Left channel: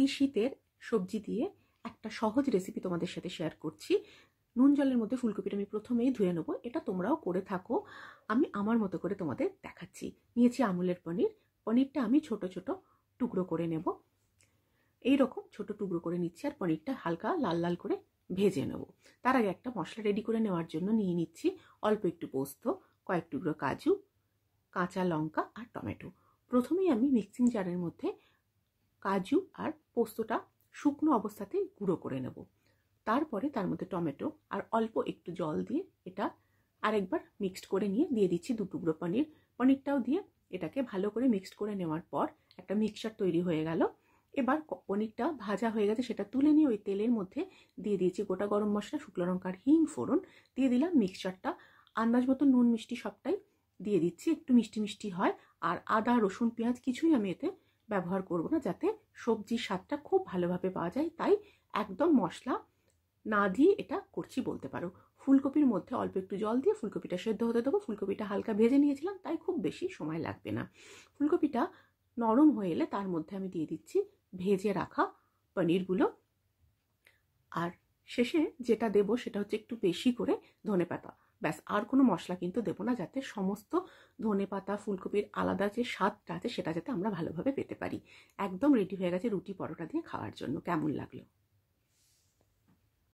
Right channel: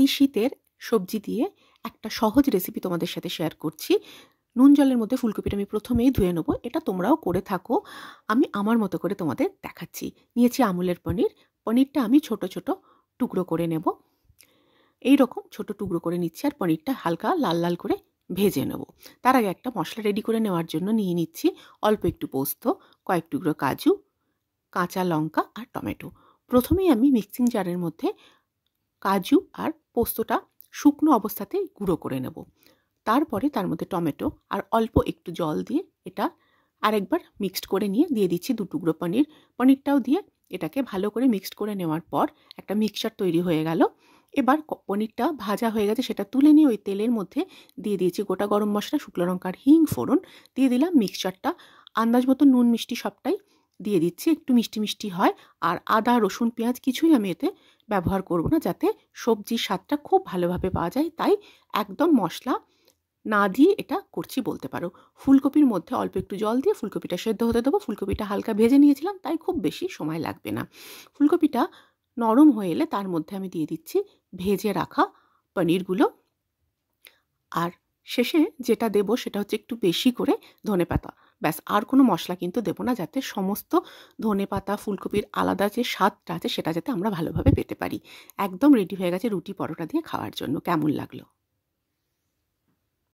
এই শীতের সবজি দিয়ে একটা সহজ রেসিপি তোমাদের সাথে শেয়ার করছি। নুন জলের মধ্যে ফুলকপিটা আমি প্রথমেই ধুয়ে নেব। এটা তোমরাও করে থাকো। আমি আমার মতো করে তোমাদের দেখাচ্ছি। নিয়েছি আমুলের পনির। পনিরটা আমি ছোট ছোট টুকরো করে নেব। এইরকম ছোট টুকরো করে নিচ্ছি আর পনিরটা হালকা লাল লাল করে ভেজে নেব। তার আগে একটা মশলা রেডি করে নেওয়ার জন্য নিয়ে নিচ্ছি অল্প একটু পোস্ত, কয়েক টুকরো কাজু, কাঁচা লঙ্কা আর টমেটো। প্রথমেই আমি মিক্সিং জারের মধ্যে কাজু আর পোস্তটা শুকনো অবস্থাতেই গুঁড়ো করে নেব। তারপরে তার মধ্যে টমেটো আর অল্প একটু জল দিয়ে এটা আরেকবার মিক্সড করে নিয়ে দিয়ে দিচ্ছি 2 টুকরো পনির। পনিরটাও দিয়ে এটাকে ভালো করে মিক্সড করে নেওয়ার পর একটা মিক্সচার তৈরি হয়ে গেল। এবার পনিরটা ভাজা হয়ে গেছে, সেটা তুলে নিয়ে ওই তেলের মধ্যে দিয়ে দিয়েছি গোটা গরম মশলা, শুকনো লঙ্কার হিং ফোড়ন, দিয়ে দিলাম মিক্সচারটা। আন্দাজ মতো নুন মিষ্টি সবটাই দিয়ে দিচ্ছি, একটু মিষ্টি মিষ্টি হয়। আর আদা রসুন পেঁয়াজ কিছুই আমি এতে ব্যবহার করব না, যাতে সবজির স্বাদটা খুব ভালোভাবে পাওয়া যায়। তাই একদম মশলা না দিয়ে এটা করছি বলতে পারো। ফুলকপির মধ্যে অল্প একটু জল দিয়ে ফুলকপিটা সেদ্ধ হতে দেবো। ফুলকপিটা হালকা ভেজে নিয়েছিলাম, তাই খুব বেশি সময় লাগবে না। ফুলকপিটা নরম হয়ে এলে তার মধ্যে আমি দিয়ে দিচ্ছি ভেজে রাখা পনিরগুলো। আর শেষে যেটা দেবো সেটা হচ্ছে একটু বেশি করে ধনেপাতা। ব্যাস, আর কোনো মশলা কিন্তু দেবো না, যাতে সমস্ত ধনেপাতা ফুলকপির আলাদা যে স্বাদটা আছে সেটা যাতে আমরা ভালোভাবে পেতে পারি। একদম রেডি হয়ে গেছে রুটি পরোটা দিয়ে খাওয়ার জন্য। কেমন লাগলো?